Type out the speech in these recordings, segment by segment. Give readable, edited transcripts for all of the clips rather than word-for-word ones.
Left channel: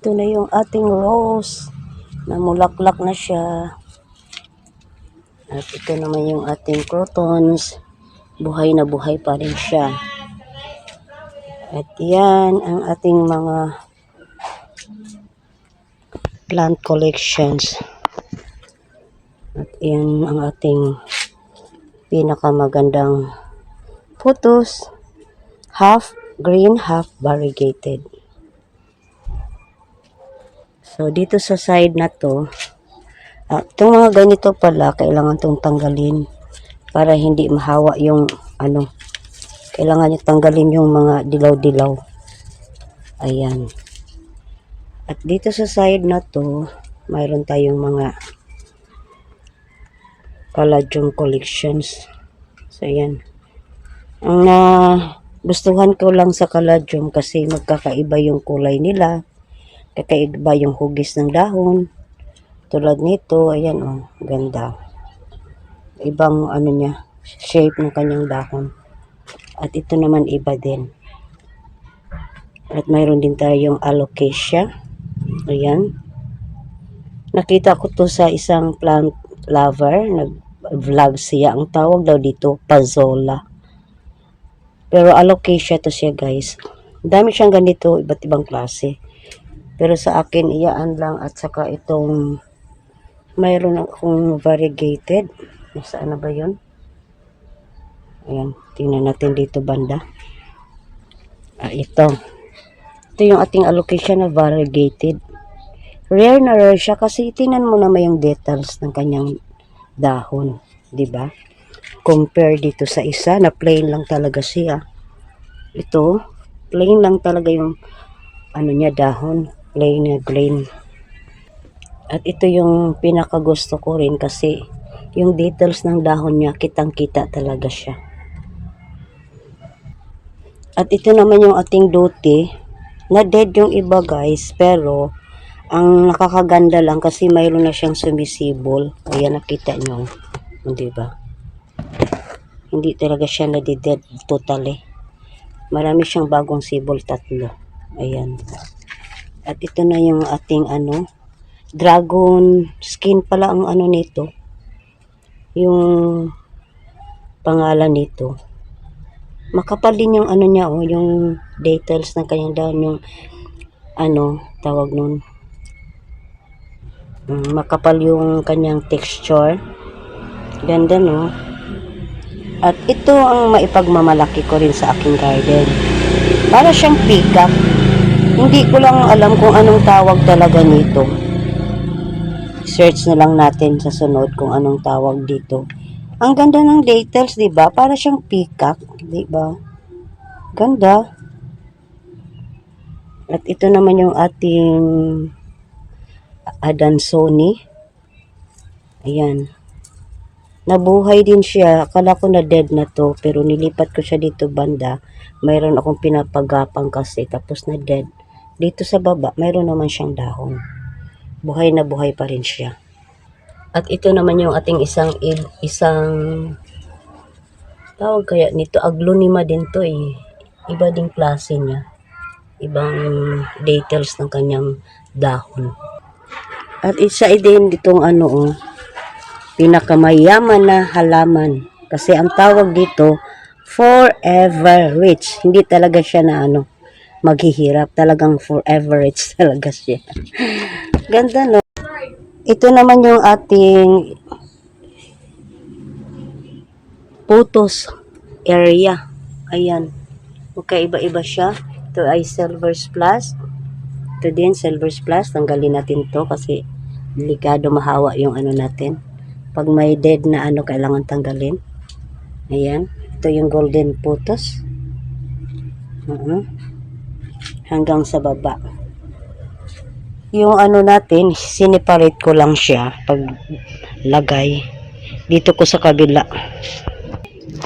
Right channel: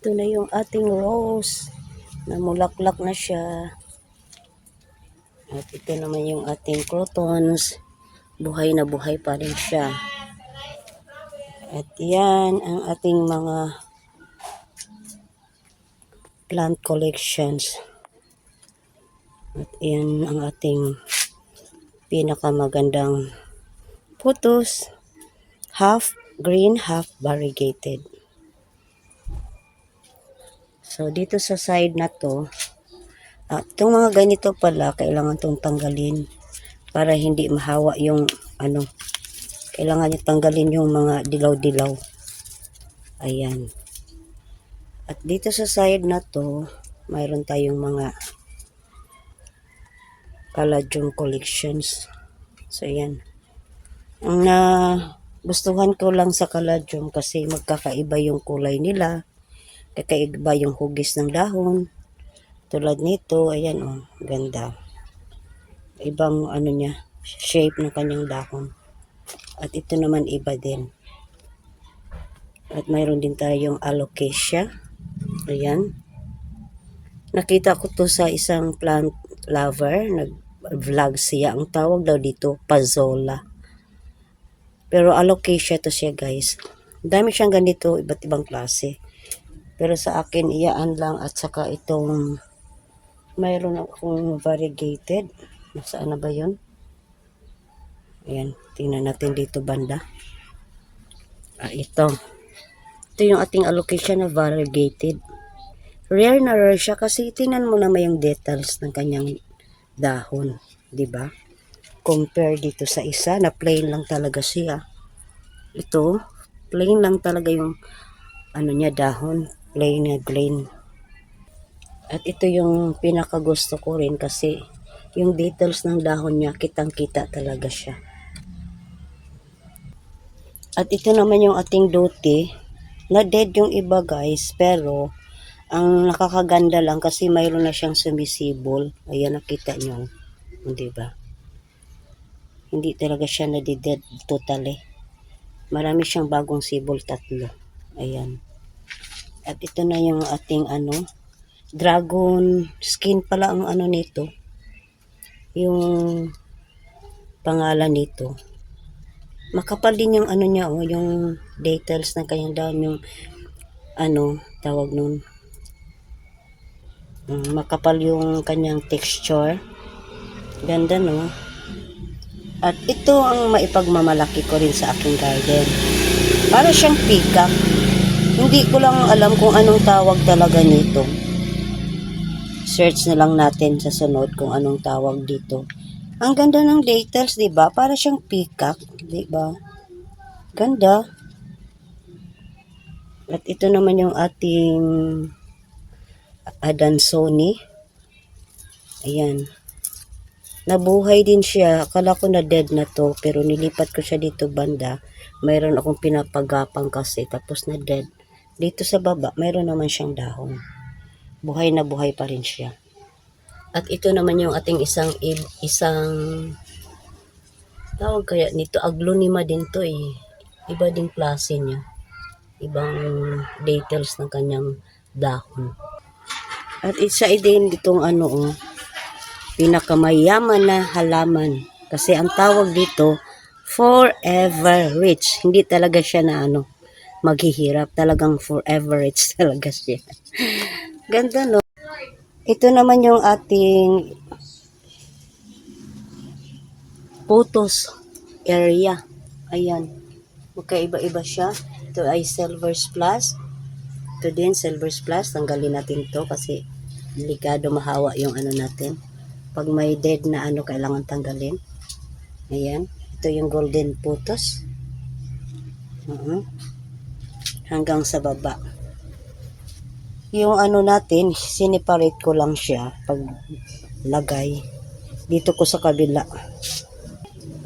Ito na yung ating rose. Namulaklak na siya. At ito naman yung ating crotons. Buhay na buhay pa rin siya. At yan ang ating mga plant collections. At yan ang ating pinakamagandang photos. Half green, half variegated. So, dito sa side na to, itong mga ganito pala, kailangan itong tanggalin para hindi mahawa yung kailangan nyo tanggalin yung mga dilaw-dilaw. Ayan. At dito sa side na to, mayroon tayong mga caladium collections. So, ayan. Ang gustuhan ko lang sa caladium kasi magkakaiba yung kulay nila. Kakaiba yung hugis ng dahon. Tulad nito, ayan ganda. Ibang niya, shape ng kanyang dahon. At ito naman iba din. At mayroon din tayong alocasia. Ayan. Nakita ko to sa isang plant lover. Nag-vlog siya. Ang tawag daw dito, pazola. Pero alocasia to siya, guys. Dami siyang ganito, iba't ibang klase. Pero sa akin, iyaan lang at saka itong mayroon akong variegated. Nasaan na ba yun? Ayan, tingnan natin dito banda. Ito. Ito yung ating alocasia na variegated. Rare na rare siya kasi tingnan mo naman yung details ng kanyang dahon. Diba? Compare dito sa isa na plain lang talaga siya. Ito, plain lang talaga yung niya dahon. Plain na green. At ito yung pinakagusto ko rin kasi yung details ng dahon niya, kitang-kita talaga siya. At ito naman yung ating duty. Na dead yung iba, guys, pero ang nakakaganda lang kasi mayroon na siyang sumisibol. Ayan, nakita nyo. Hindi ba? Hindi talaga siya na-dead totally. Marami siyang bagong sibol, 3. Ayan. At ito na yung ating dragon skin pala ang nito. Yung pangalan nito. Makapal din yung niya, yung details ng kanyang dahon, yung tawag nun. Makapal yung kanyang texture. Ganda, no? At ito ang maipagmamalaki ko rin sa aking garden. Para siyang peacock. Hindi ko lang alam kung anong tawag talaga nito. Search na lang natin sa sunod kung anong tawag dito. Ang ganda ng details, 'di ba? Para siyang peacock, 'di ba? Ganda. At ito naman yung ating Adansoni. Ayan. Nabuhay din siya. Akala ko na dead na to, pero nilipat ko siya dito banda. Mayroon akong pinapagapang kasi tapos na dead. Dito sa baba, mayroon naman siyang dahon. Buhay na buhay pa rin siya. At ito naman yung ating isang tawag kaya nito, aglonema din to eh. Iba ding klase niya. Ibang details ng kanyang dahon. At isa din ditong pinakamayaman na halaman. Kasi ang tawag dito, forever rich. Hindi talaga siya na maghihirap. Talagang forever rich talaga siya. Ganda, no? Ito naman yung ating photos area. Ayan. Magkaiba-iba siya. Ito ay silver plus. Ito din silver plus. Tanggalin natin to kasi delikado mahawa yung natin. Pag may dead na kailangan tanggalin. Ayan. Ito yung golden photos. Hanggang sa baba. Yung natin, siniparate ko lang siya pag lagay. Dito ko sa kabila.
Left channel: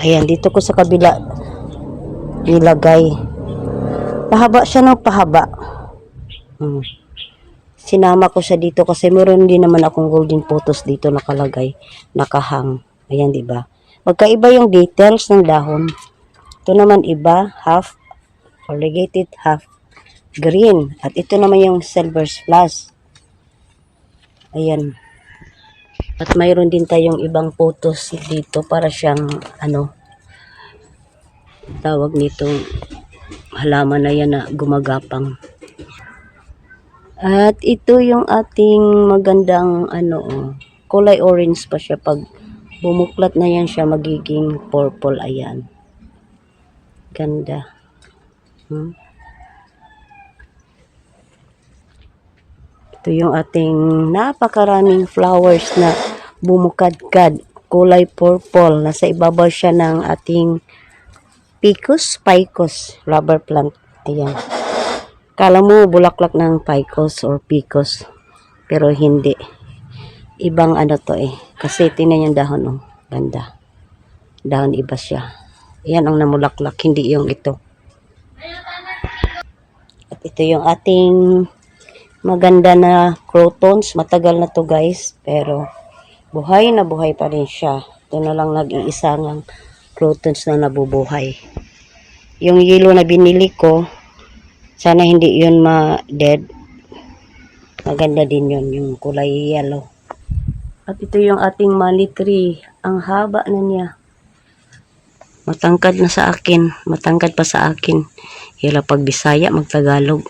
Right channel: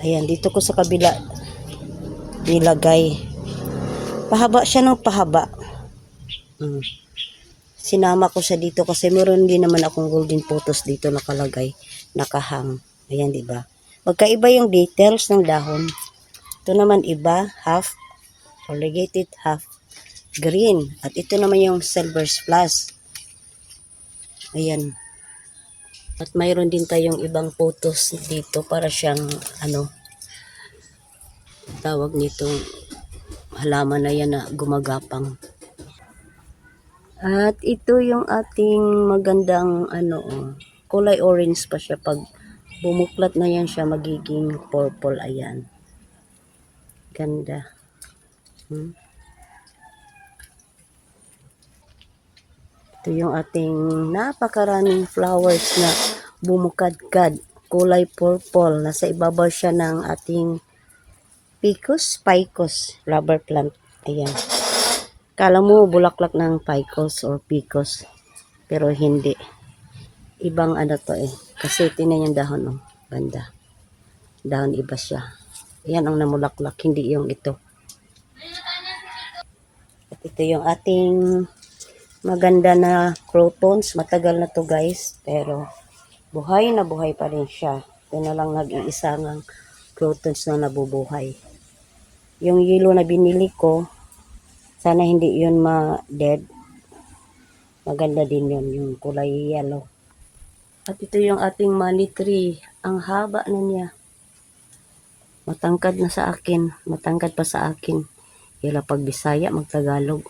Ayan, dito ko sa kabila nilagay. Pahaba siya ng pahaba. Sinama ko siya dito kasi meron din naman akong golden photos dito nakalagay, nakahang. Ayan, di ba? Magkaiba yung details ng dahon. Ito naman iba, half variegated, half green. At ito naman yung silver splash. Ayan. At mayroon din tayong ibang photos dito para siyang tawag nitong halaman na yan na gumagapang. At ito yung ating magandang kulay orange pa siya. Pag bumuklat na yan siya, magiging purple. Ayan. Ganda. Ito yung ating napakaraming flowers na bumukadkad. Kulay purple. Nasa ibabaw siya ng ating Picus picus rubber plant. Ayan. Kala mo bulaklak ng picus or picus. Pero hindi. Ibang to Kasi tingnan yung dahon Ganda. Dahon iba siya. Ayan ang namulaklak. Hindi yung ito. At ito yung ating maganda na crotons. Matagal na to guys. Pero buhay na buhay pa rin siya. Ito na lang nag-iisa ng crotons na nabubuhay. Yung yellow na binili ko, sana hindi yun ma-dead. Maganda din yun, yung kulay yellow. At ito yung ating money tree. Ang haba na niya. Matangkad na sa akin. Matangkad pa sa akin. Hila pag Bisaya, magtagalog.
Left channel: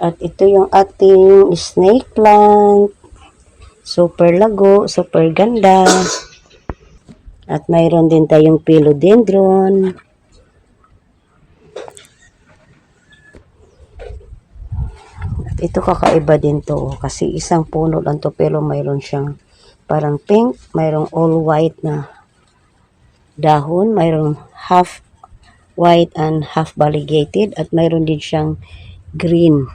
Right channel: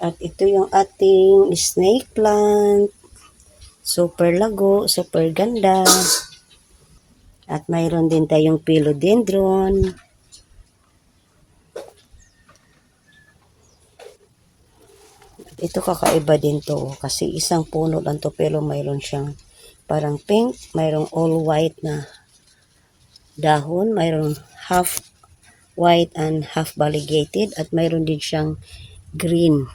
At ito yung ating snake plant. Super lago, super ganda. At mayroon din tayong philodendron. At ito kakaiba din to. Kasi isang puno lang to pero mayroon siyang parang pink. Mayroong all white na dahon. Mayroong half white and half variegated. At mayroon din siyang green.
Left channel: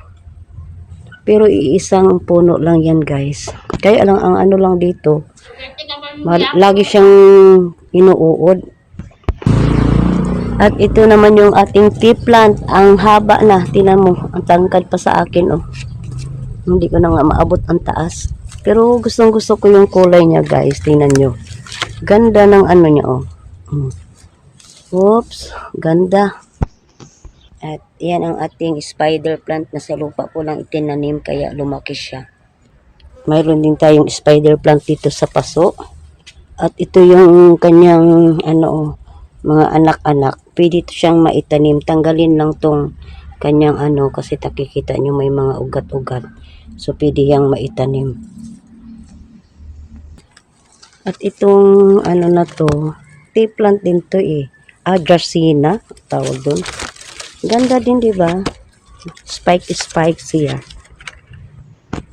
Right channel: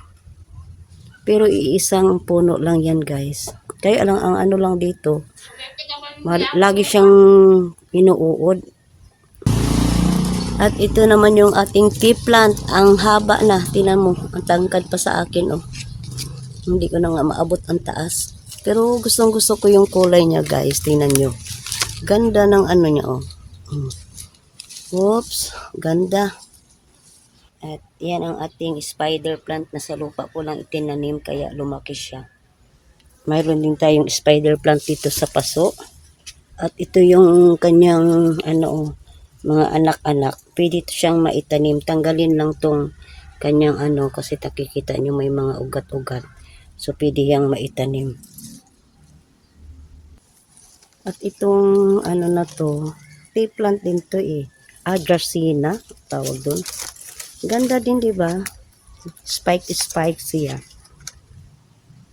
Pero iisang puno lang yan guys. Kaya lang ang lang dito, lagi siyang inuuod. At ito naman yung ating tea plant. Ang haba na. Tingnan mo. Ang tangkad pa sa akin Hindi ko na nga maabot ang taas. Pero gustong gusto ko yung kulay niya guys. Tingnan nyo. Ganda ng niya Oops. Ganda. At yan ang ating spider plant na sa lupa ko lang itinanim kaya lumaki siya. Mayroon din tayong spider plant dito sa paso. At ito yung kanyang mga anak-anak. Pwede ito siyang maitanim. Tanggalin lang tong kanyang kasi nakikita nyo may mga ugat-ugat. So pwede yang maitanim. At itong na to, tea plant din to Dracaena tawag doon. Ganda din, di ba? Spike siya.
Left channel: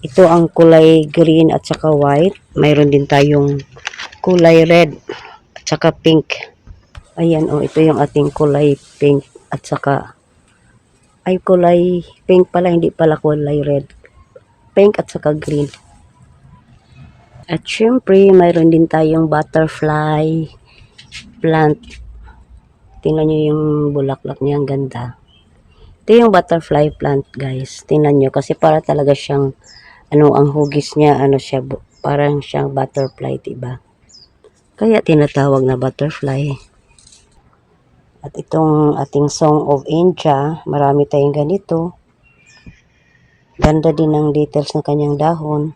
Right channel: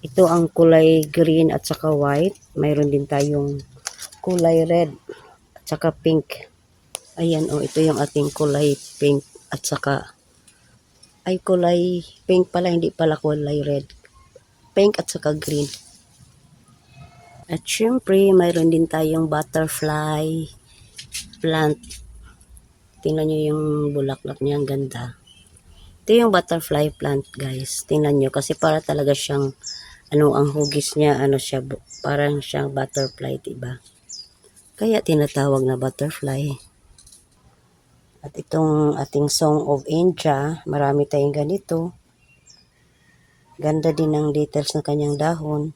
Ito ang kulay green at saka white. Mayroon din tayong kulay red at saka pink. Ayan, ito yung ating kulay pink at saka kulay pink pala, hindi pala kulay red. Pink at saka green. At syempre, mayroon din tayong butterfly plant. Tingnan nyo yung bulaklak niya, ang ganda. Ito yung butterfly plant guys. Tingnan nyo kasi para talaga siyang ang hugis niya, siya, parang siyang butterfly, diba? Kaya tinatawag na butterfly. At itong ating Song of India, marami tayong ganito. Ganda din ng details ng kanyang dahon.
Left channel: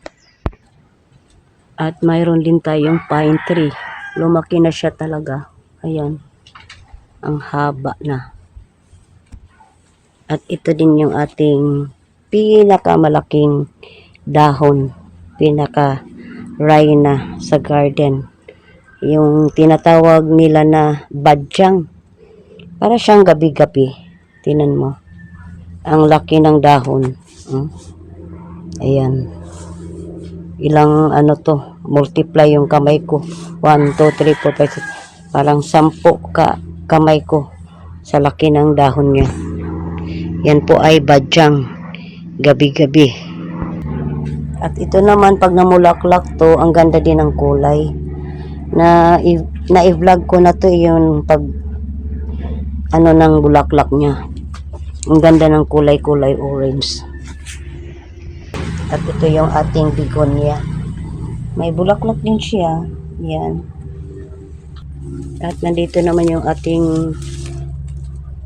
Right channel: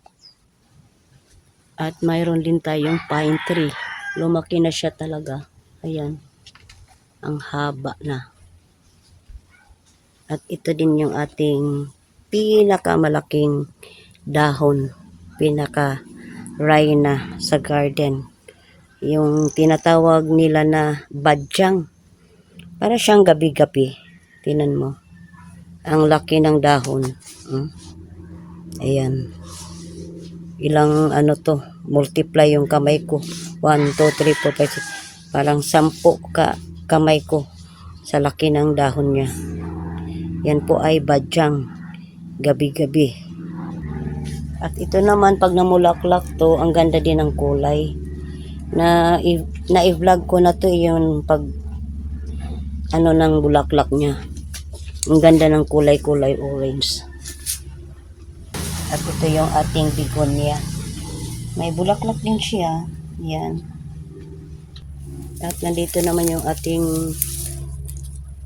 At mayroon din tayong pine tree. Lumaki na siya talaga. Ayan. Ang haba na. At ito din yung ating pinakamalaking dahon. Pinaka-rhina sa garden. Yung tinatawag nila na badyang. Para siyang gabi-gabi. Tinan mo. Ang laki ng dahon. Ayan. Ilang to. Multiply yung kamay ko. 1, 2, 3, 4, 5, 6. Parang 10 kamay ko. Sa laki ng dahon niya. Yan po ay badyang. Gabi-gabi. At ito naman pag namulaklak to, ang ganda din ng kulay. Na-i-vlog ko na to yung pag ng bulaklak niya. Ang ganda ng kulay orange. At ito yung ating begonia. May bulaklak din siya. Yan. At nandito naman yung ating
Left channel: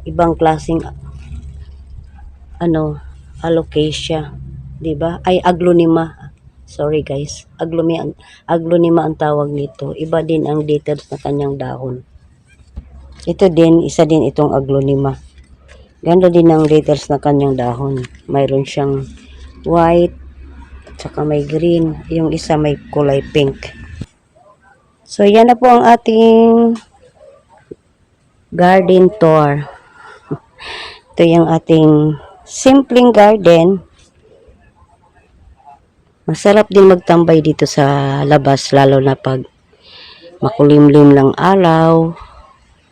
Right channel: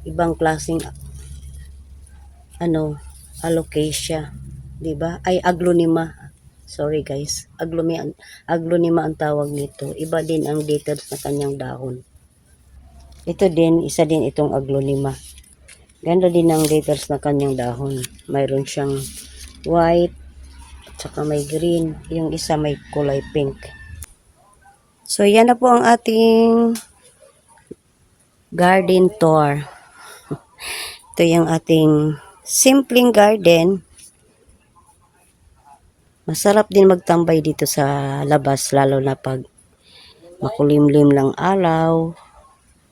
ibang klaseng alocasia, 'di ba? Ay aglonema. Sorry guys, aglonema ang tawag nito. Iba din ang details na kanyang dahon. Ito din, isa din itong aglonema. Ganda din ang details na kanyang dahon. Mayroon siyang white, tsaka may green. Yung isa may kulay pink. So, yan na po ang ating garden tour. Ito yung ating simpleng garden. Masarap din magtambay dito sa labas, lalo na pag makulimlim lang araw,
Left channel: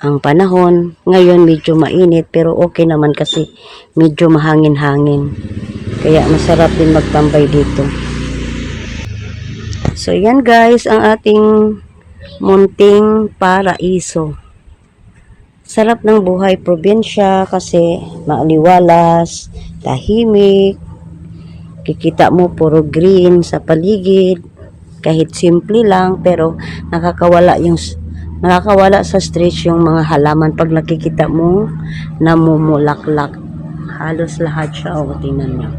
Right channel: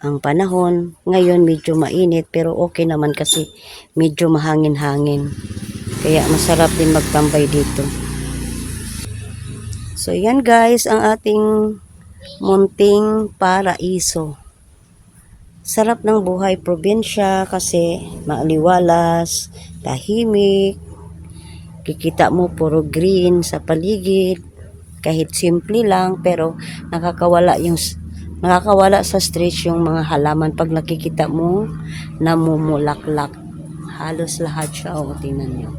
ang panahon. Ngayon medyo mainit pero okay naman kasi medyo mahangin-hangin. Kaya masarap din magtambay dito. So yan guys ang ating munting paraiso. Sarap ng buhay probinsya kasi maaliwalas, tahimik. Kikita mo puro green sa paligid. Kahit simple lang pero nakakawala sa stress yung mga halaman pag nakikita mo namumulaklak. Halos lahat siya. O, tingnan nyo.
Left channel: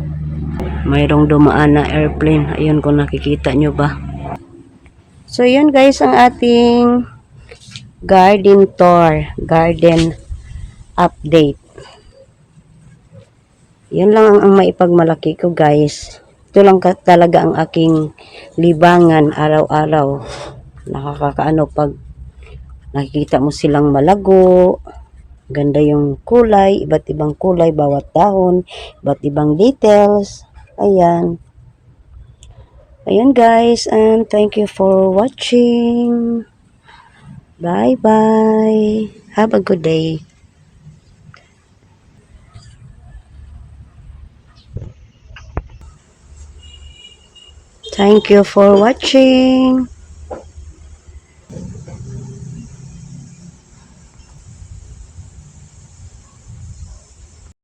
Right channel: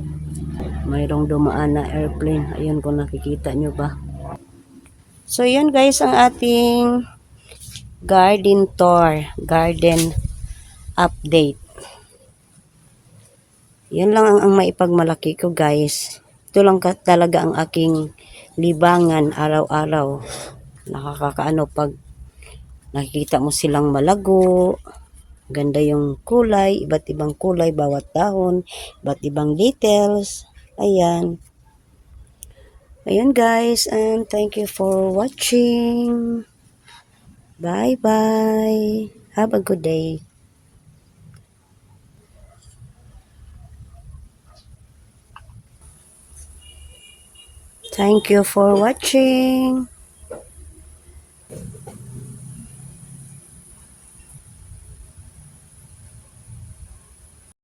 Mayroong dumaan na airplane. Ayun kung nakikita nyo ba. So, yun guys ang ating garden tour. Garden update. Yun lang ang maipagmalaki ko guys. Ito lang talaga ang aking libangan araw-araw. Nakakakaano pag nakikita mo silang malago. Ganda yung kulay, iba't ibang kulay, bawat dahon, iba't ibang details. Ayan. Ayan guys, and thank you for watching. Bye-bye. Have a good day. Thank you for watching.